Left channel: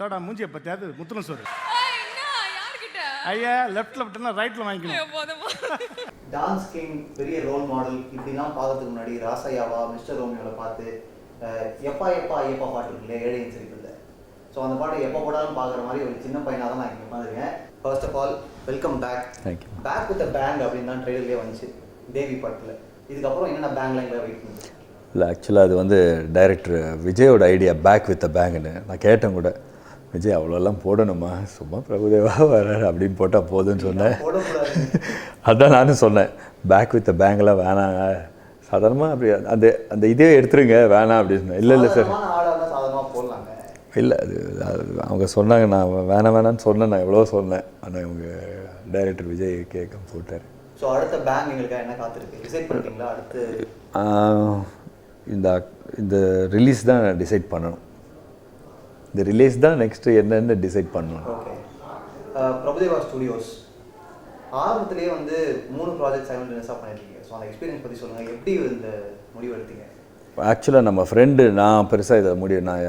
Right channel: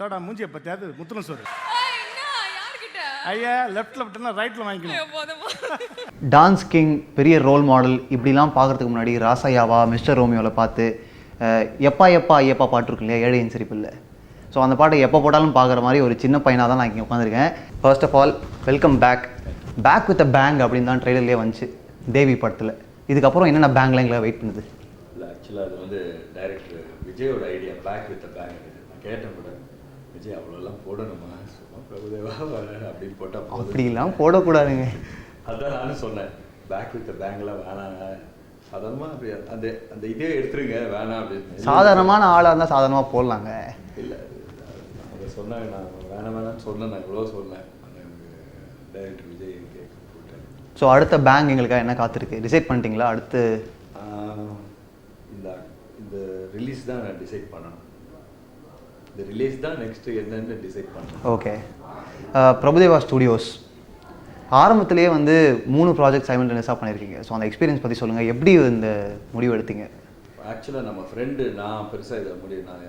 தோடா மூஞ்சியை பற்றியாவது முத்துன சோறு ஐயா லெஃப்ட்னா ரைட்டில் வாங்கிக்கணும். டான்ஸ் கிங், பெரிய ரோல் மாடல் இப்படிலாம் பார்க்கறதுக்கு முன்னாடி ராசையாவா மிஸ்டர் ரோமியோவில் பார்த்து எப்பா எப்பா ஐயப்பா பாட்டு இருக்கு இல்லையா, ஏழையின் சிரிப்பில்லை. ஸோ அந்த பாட்டை எப்போ போட்டாலும் பார்க்குற மாதிரி ஒரு சின்ன பையனாக தான் நான் இங்கே உட்காந்துருக்கேன். First of all welcome back. Back with a bang அப்படின்னு தான் ட்ரெய்லர்லேயே வந்துச்சு தேவி படத்தில். இதுக்கப்புறம் என்னென்ன பேங்க்லாம் எங்களை வெயிட் பண்ணுது? இல்லை, ஆக்சுவலாக அது வந்து டைரக்டர் விஜயோட ஐடியா, பேக் வித் அ பேங்குன்னு. நான் கேட்டேன் கூட, விஜய் அவ்வளோலாம் போடணுமா, சும்மா பிரபுதேவா வர்றாரு அப்படின்னு போட்டால் போதுன்னு சொன்னேன். போடக்கூடாதுங்க. அதான் நானும் சொன்னேன், பேக் வித் பேங்க்லாம் வேணாங்க, சாதாரணமாக அப்படி அந்த அந்த இதே எடுத்துருங்க வேணாம் அப்படின்னு. இல்லை, சாதாரணமான ஆளாக இருந்தால் சாதாரணமாக போடலாங்க. இல்லை, அது அவங்க சொன்னாங்க, நான் வேணான்னு சொன்னேன், நான் எவ்வளோ சொன்னேன். ஆனால் இவங்க டைரக்டர் விஜய் கேட்க போட்டார். ஸோ அடுத்த பேங்க் எங்களுக்காக என்ன காத்திருக்கு, டிசைட் பண்ணிட்டீங்களா? அடுத்து இந்த ரிலீஸ் தான் டிசைட் பண்ணணும். இந்த ரிலீஸ் தான் நெக்ஸ்ட்டு என்னென்னு டிசைட் பண்ணணும். ஓகே. பிரபுதேவா ஸ்டுடியோஸ் ஆரம்பத்திலேயே வந்து 3 ப்ராஜெக்ட் சைமல்டேனியஸாக பண்ணியிருக்கீங்க. ஸோ அந்த எக்ஸ்பீரியன்ஸ் பற்றி சொல்லுங்கள். எப்படி இந்த முடிவு எடுத்தீங்க? ஆக்சுவலாக நம்ம ஃப்ரெண்டு, நான் பெருசாக இதை நான்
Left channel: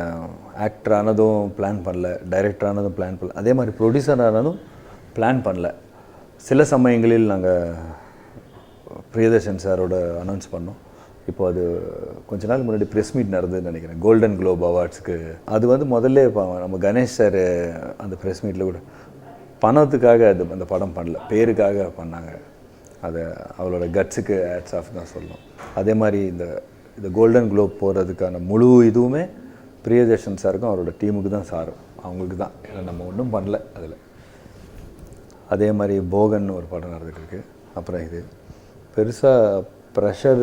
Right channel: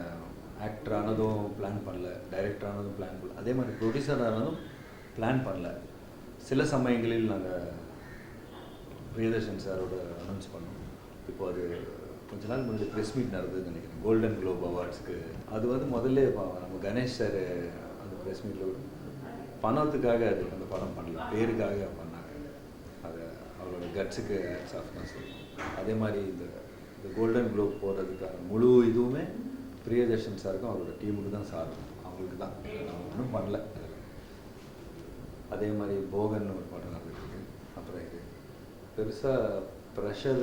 ஆக்டர் ஆனதும் பிளான் பண்ணல, டைரக்டர் ஆனதும் பிளான் பண்ணல, அதே மாதிரி ப்ரொடியூசர் ஆனதும் பிளான் பண்ணல. சில சமயங்களில் நாங்கள் பிரியதர்ஷன் சாரோட அனௌன்ஸ் பண்ணோம். இப்போ அது கொஞ்ச நாள் முன்னாடி ப்ரெஸ் மீட் நடந்ததுன்னு நினைக்கிறேன், கோல்டன் குளோப் அவார்ட்ஸ்க்கு. அது வந்து முதல்ல நம்ம கணேஷ் சார் அந்த ப்ரெஸ் மீட்டில் கூட பணத்துக்காக அந்த படம் பண்ணல, பேருக்காக பண்ணாங்க. அதை அவளோட கட்ஸுக்கு ஆட்ஸ் ஆஃப் தான் சொல்லணும். அதே மாதிரி இந்த கோல்டன் குளோப் போகிறதுக்கான முழு இதுவுமே பிரியதர்ஷன் சாருக்கும் அவரோட டீமுக்கு தான் சாரும், அவங்களுக்கு தான். ஏன்னா நம்ம ஒன்றும் பண்ணல அதில். அதே மாதிரி போகன் ஒரு படம் நடந்துகிட்டு இருக்கு. அப்புறம் இது பெருசாக ப்ரெஷர்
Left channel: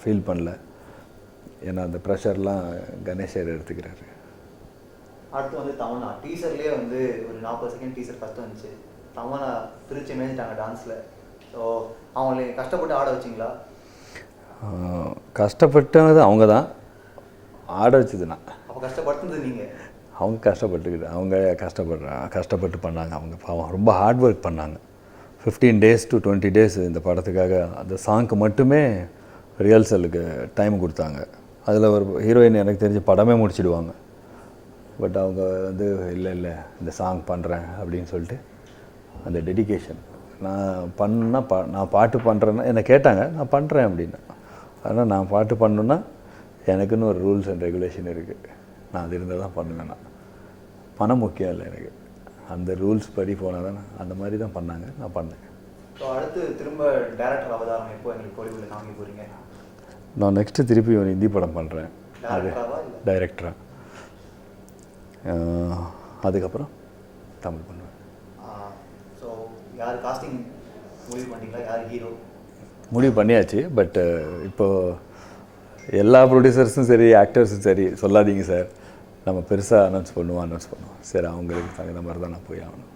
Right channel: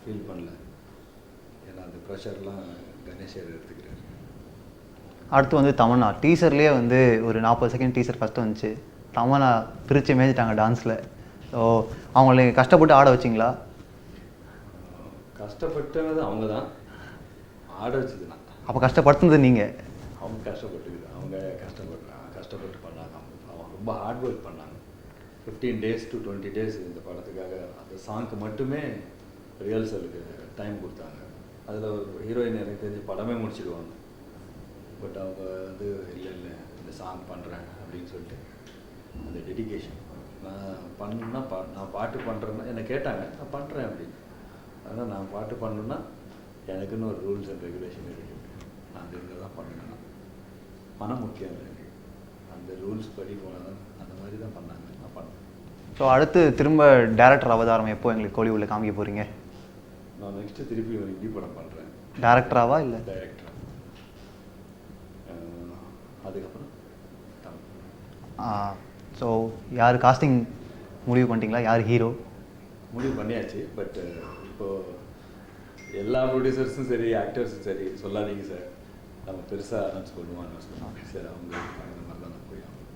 ஃபீல் பண்ணல, ஏன்னா அந்த ப்ரெஷர்லாம் கணேஷர் எடுத்துக்கிறாரு. அடுத்து வந்து தமன்னா டீசர்லேயே வந்து ஒரு 40 செகண்ட் டீசர் ஃபஸ்ட்டு வந்துச்சு. தமன்னா பிரித்து மேய்ஞ்சிட்டாங்க டான்ஸில். ஸோ அவங்கள கஷ்டப்பட்டு ஆட வச்சிங்களா? கஷ்டப்பட்டது அவங்க தான், ஆட வச்சதுண்ணா. அப்போ கஷ்டப்படுத்துனது நீங்கள்? அவங்க கஷ்டப்பட்டுக்கிது, அவங்க கஷ்டப்பட்டு பண்ணாங்க. அவங்க பாவம் ரொம்ப ஹார்ட் ஒர்க் பண்ணாங்க. 15 days to 20 days இந்த படத்துக்காக அந்த சாங்க்கு மட்டுமே ரிஹர்சலுக்கு டைம் கொடுத்தாங்க. அதில் ஒரு ஹீரோயின் எனக்கு தெரிஞ்சு படமே முடிச்சிடுவாங்க. பட் அவங்க வந்து இல்லை இந்த சாங் பண்ணுறேன் அப்படின்னு சொல்லிட்டு அந்த டெடிகேஷன். நான் பாட்டு பண்ணுறேன்னா என்னை கேட்டாங்க, நான் பண்ணுறேன் அப்படின்னு. ஆனால் நான் பாட்டு பண்ணணுன்னா எனக்குன்னு ஒரு ரூல்ஸ் அண்ட் ரெகுலேஷன் இருக்குது. நான் அது இருந்தால் தான் பண்ணுவேன். நான் பணம் முக்கியம் இல்லை எனக்கு, அந்த ரூல்ஸ் படி போனால் தான். அந்த மாதிரி தான் பண்ணாங்க, நான் பண்ணேன். ஸோ அடுத்து திரும்ப டேரக்டர் அவதாரம் எப்போ எங்களுக்கு கோலிவுட்டில் காமிக்க போகிறீங்க? நான் நெக்ஸ்ட்டு திருப்பி ஒரு ஹிந்தி படம் பண்ணுறேன். டேரக்டராவா இல்லை டைரக்டரா? அதுக்கப்புறம் தமிழ் பண்ணுவேன். ஸோ யார் காஸ்டிங் முடிவு பண்ணிட்டீங்களா? யார் ஹீரோ முடிவு பண்ணியாச்சு. பட் இப்போது எல்லா ப்ரொடியூசர்ஸும் சரி, ஆக்டர்ஸும் சரி, சொல்லாதீங்க சார், நம்ம பெருசாக அனௌன்ஸ் பண்ணுவோம். சரி, அவங்களுக்கு தகுந்த மாதிரி தான் நான் போய் ஆகணும்.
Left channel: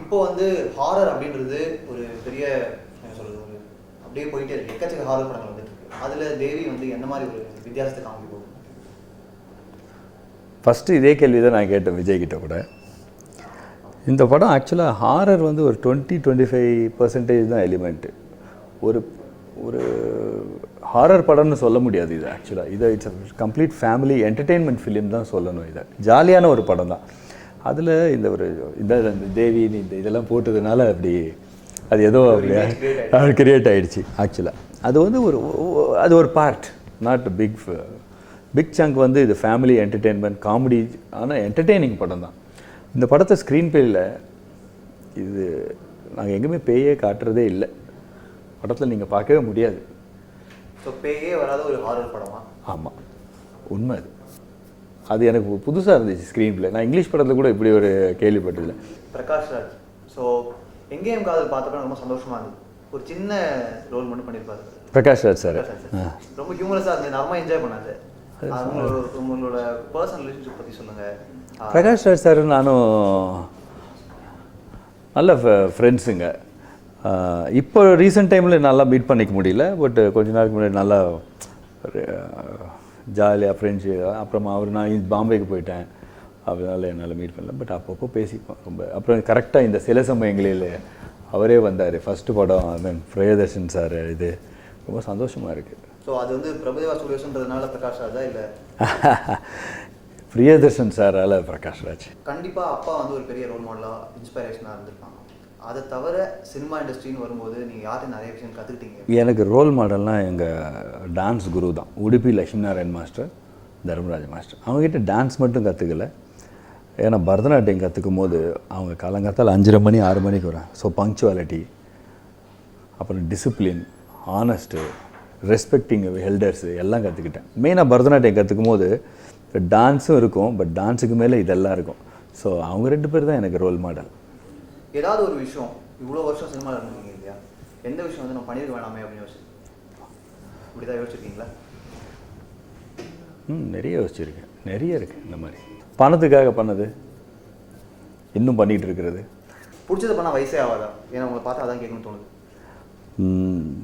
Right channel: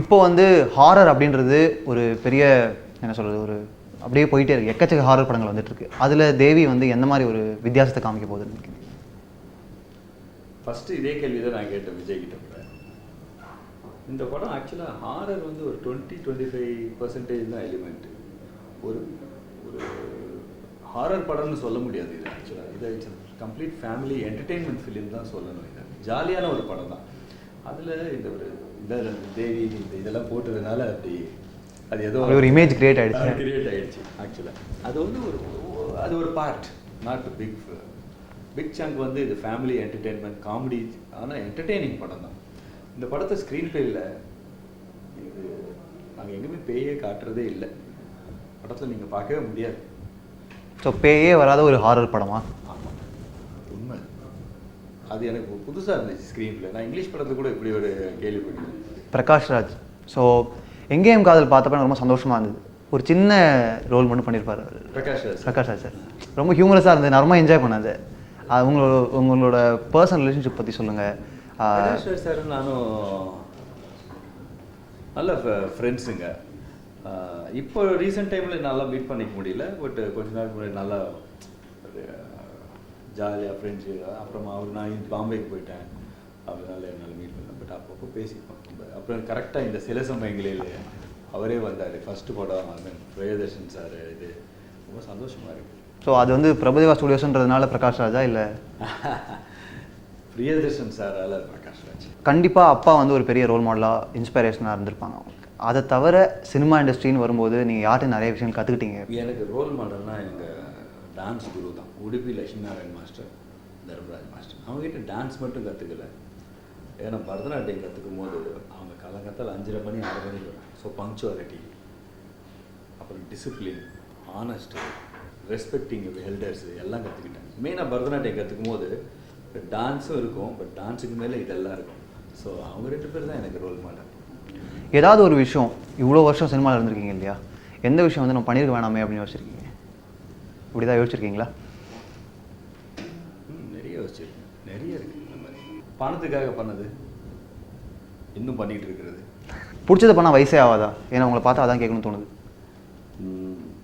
இப்போ வந்து ஹாரர் அப்படின்றது ஒரு பெரிய என்ன சொல்கிறது, ஒரு அப்படியே போயிட்டே இருக்குது. எக்கச்சக்க ஹாரர் படங்கள் வந்துட்டுருக்கு. அதில் தேவி வந்து எந்த மாதிரி ஒரு வித்தியாசத்தை காமிக்க போகுதுன்னு? ஃபஸ்ட்டு இதே கேள்வி தான் நான் கேட்டேன் விஜய்கிட்ட கூட. இந்த படம் ஆக்சுவலாக ஹாரர் வந்து ஒரு 20-25% தான் எலிமெண்ட்டு. ஒரு ஒரு ஹாரர் படம்னு சொல்ல முடியாது இது. ஆக்சுவலாக it's complete family entertainment film தான் சொல்லணும். இதை ஜாலியான ஒரு படம் தான். அதில் இந்த தேவி இதெல்லாம் போட்டதுனால அப்படி அது ஏதோ ஒரு இமேஜ் கிரியேட் ஆகிடுச்சு. ஆக்சுவலாக அது வந்து அது ஒரு பார்ட், நாட் பிக் சங்க். வந்து இது ஃபேமிலி என்டர்டெயின்மெண்ட் காமெடி, ஆனால் என்டர்டெய்னிங் படம் தான். இந்த படத்தை ஸ்க்ரீன் பிளேயில் இது நாங்கள் எங்கேயுமே பேயே காட்டுறதே இல்லை. படத்தில் நீங்கள் பார்க்கவே முடியாது. ஸோ பேயே வராத ஒரு ஹாரர் படமா? ஆமாம், உண்மை. அது எனக்கு புதுசாக இருந்துச்சு ஸ்க்ரீன் பிளே. நான் இங்கிலீஷ் படத்தில் கூட இப்படி ஒரு கேள்விப்பட்டதில்லை. பிரகாஷ் ராஜ். ஸோ எங்கேயும் காதல் பார்த்தப்ப ரொம்ப சந்தோஷமாக இருந்தது. ஒரு சின்ன ரோல் மட்டும் பண்ணியிருப்பார் பிரகாஷ் ராஜ் சார். ரொம்ப ஹியூமரஸாக இருந்தது, நான் ரொம்ப என்ஜாய் பண்ணது. உங்களோட பர்சனல் ரிலேஷன்ஷிப் பற்றி சொல்லுங்கள். பிரகாஷ் ராஜ் சார் நானும் நல்ல ஃப்ரெண்ட்ஸுங்க. இப்போ ரீசெண்ட் டைமில் நல்லா மீட் பண்ணிக்க முடியல. பட் கொஞ்ச நாளுக்கு முன்னாடி நல்லா ஜாலியாக ஃப்ரெண்ட்ஸு. அப்புறமா நான் பாம்பேக்கு போயிட்டேன், அதனால் என்னால் மீட் பண்ணல. பட் அப்பப்போ பேசிப்போம் ரொம்ப. அப்புறம் கரெக்டாக இந்த சில சமயங்களில் அவரே வந்தார். ஃபஸ்ட்டு படம் பிரியதர்ஷன் சார், இது ரொம்ப சந்தோஷமாக இருக்குது. ஸோ அது வந்து பிரபுதேவா ஸ்டுடியோஸ்ன்றதுனால பிரகாஷ் ராஜா இல்லை? பிரியதர்ஷன் சாரால் பிரகாஷ் ராஜ். கண்டிப்பாக அப்பா வந்து ஒரு பெரிய ரோல் மாடலாக இன்ஸ்பிரேஷனாக இருந்திருப்பாங்க அவங்களுக்கு. அதை தவிர சினிமா இண்டஸ்ட்ரின்னு வரும்போது நீங்கள் யார்கிட்ட நிறைய விஷயம் கற்றுக்கிட்டீங்க? எனக்கு ரோல் மாடல்னால் எங்கள் டான்ஸ் குரு தான். Udupi Lakshmi Narayan master, Dharmaraj master. அவங்ககிட்ட டான்ஸ் மட்டும் கற்றுக்கல. ஏன்னா பரதநாட்டியம் கற்றுக்கும் போது அவங்க காலங்காத்தால் 5:30 மணி 6 மணிக்கு வராங்க. ஸோ பங்க்சுவாலிட்டி, அப்புறம் டிசிப்ளின், ஆனஸ்ட்டு, ரெஸ்பெக்டிங் எல்டர்ஸு எல்லாம் கற்றுக்கிட்டேன். மெயினாக பரதநாட்டியம் கற்றுக்கும் போது டான்ஸும் இருக்கும், பட் டான்ஸுக்கு மேலே இதெல்லாம் இருக்கும். ஸோ அவங்க 2 பேர் தான் எனக்கு ரோல் மாடல். ஏதாவது ஒரு விஷயம், இவ்வளோ வருஷம் சினிமாவில் இருந்திருக்கீங்க இல்லையா, எந்த விஷயம் வந்து நம்ம பண்ணியிருக்க வேணாமே அப்படின்னு யோசிச்சிருக்கீங்க? இப்படி தான் யோசிச்சிருக்கீங்களா? நிறைய யோசிச்சிருக்கேன். நிறைய இருக்குது இந்த மாதிரி. பணத்துக்காக பண்ணது, இன்னும் பண்ணிகிட்டு இருக்கிறது. பிடிச்சதை பண்ணால் வயசே ஆகாதா? ஏன்னா உங்களை பார்த்தா அதான் கேட்கணும்னு தோணுது.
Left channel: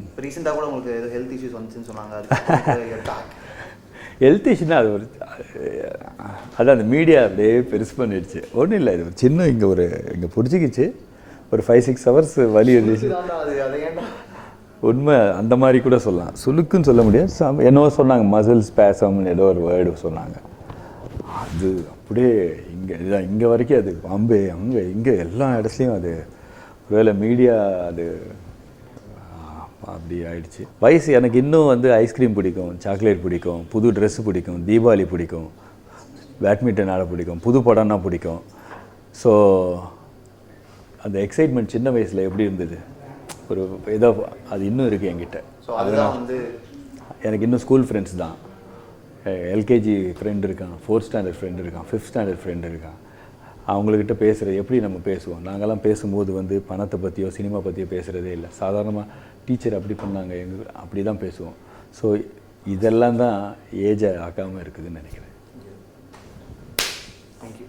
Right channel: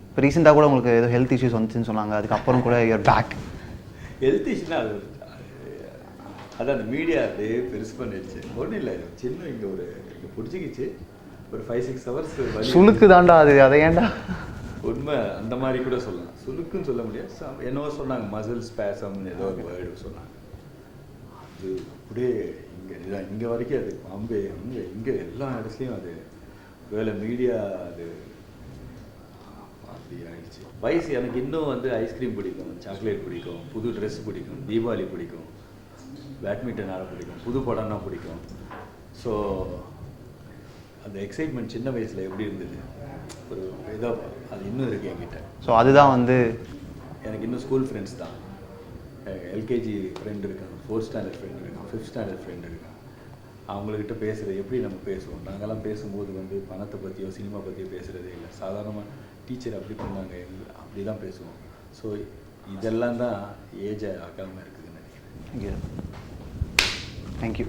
இப்போ ரீசெண்டாக கூட உங்களுக்கு ஏதோ ஹெல்த் இஷ்யூஸ் வந்துச்சுன்னு சொன்னாங்க, அதுக்கப்புறம் கூட யூர் பேக். ஹெல்த் இஷ்யூனா அது ஒரு அதான் அந்த மீடியா அப்படியே பெருசு பண்ணிடுச்சு. ஒன்றும் இல்லை, இது ஒரு சின்ன இங்கே பிடிச்சிக்கிச்சு, ஒரு 5-6 ஹவர்ஸ் வலி சுளுக்கு தாண்டா அது, அதை ஏன்டா? உண்மை அந்த மாதிரி கூட சொல்லலாம். சுளுக்குன்னு சொல்ல முடியாது, என்னவோ சொன்னாங்க, மசில் ஸ்பேசம்னு ஏதோ ஒரு வேர்டு சொன்னாங்க. அது அப்படியே இங்கே வரைக்கும் அது பாம்பே இங்கே எல்லா இடத்துலையும் அது ஒருவேளை மீடியா அது அப்படி ஆயிடுச்சு. வயசு எனக்கு இன்னும் வந்து ஐஸ்கிரீம் பிடிக்கும், சாக்லேட் பிடிக்கும், புது ட்ரெஸ்ஸு பிடிக்கும், தீபாவளி பிடிக்கும், பேட்மிண்டன் ஆட பிடிக்கும், புது படம்னா பிடிக்கும். ஸோ அந்த எக்ஸைட்மெண்ட் சின்ன வயசில் எப்படி இருந்தது, ஒரு ஏதோ அது இன்னும் இருக்குது என்கிட்ட. ஸோ அதுதான் வந்து எனக்கு இன்னும் ஸ்கூல் ஃப்ரெண்ட்ஸ் தான். எல்கேஜி ஃப்ரெண்ட் இருக்கான், 4th ஸ்டாண்டர்ட் ஃப்ரெண்ட் இருக்கான், 5th ஸ்டாண்டர்ட் ஃப்ரெண்ட் இருக்கான். அவங்கக்கிட்ட பேசுகிற எப்படி நம்ம பேசுவோம். நாங்கள்லாம் பேசும்போது வந்து பணத்தை பற்றியோ சினிமா பற்றியோ பேசுகிறதே இல்லை. சாதாரணமாக டீச்சர் அப்படி பண்ணாங்க அப்படி தான் பேசுவோம். ஸோ இதெல்லாம் தான் ஏஜை ஆக்காமல் இருக்குதுன்னு நினைக்கிறேன். தேங்க்யூ.